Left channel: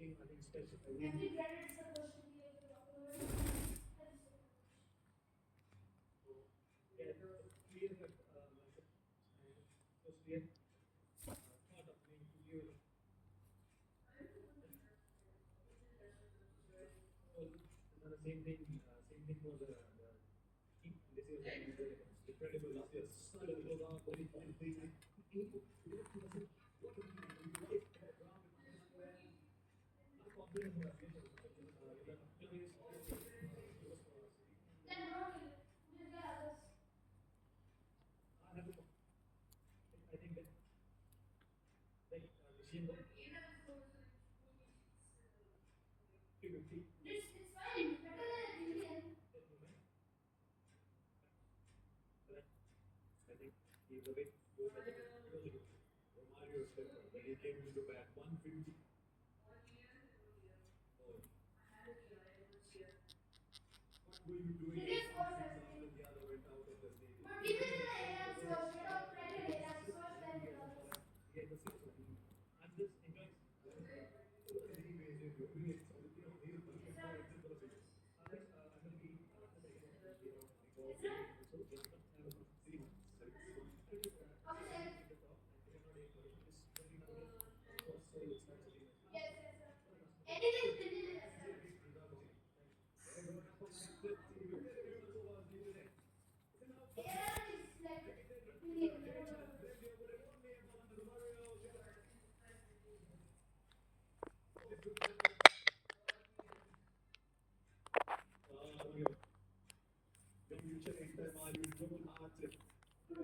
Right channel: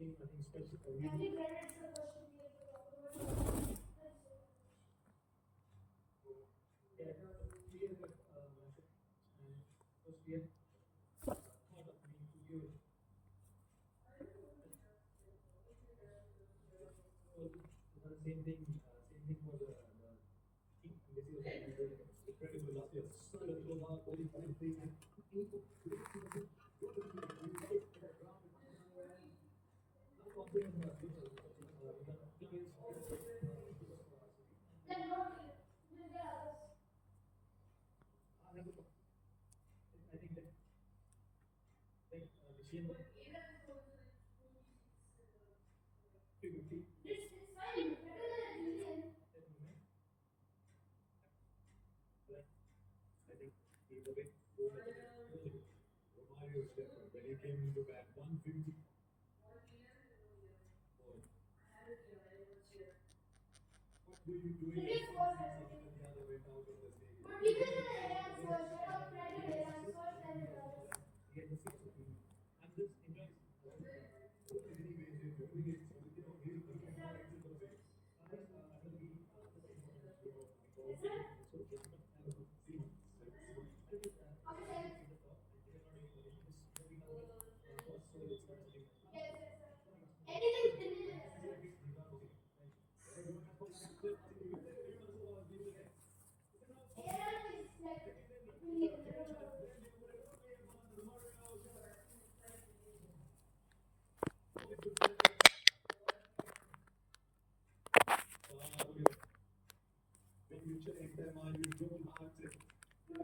Every credit's supposed to be a then don't kill it. We'll get others. It's fine. Better than a Indian. It is first everything. But we will get areas first. Let us credit areas first, then the others. Is that is it? Okay, sir. Yes, yes, sir. Anything intelligent, sir. AI is like really whatever.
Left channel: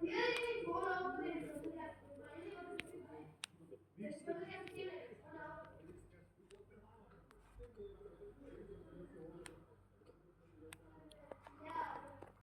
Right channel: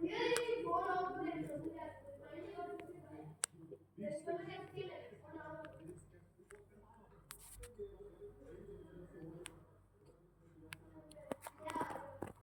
Really?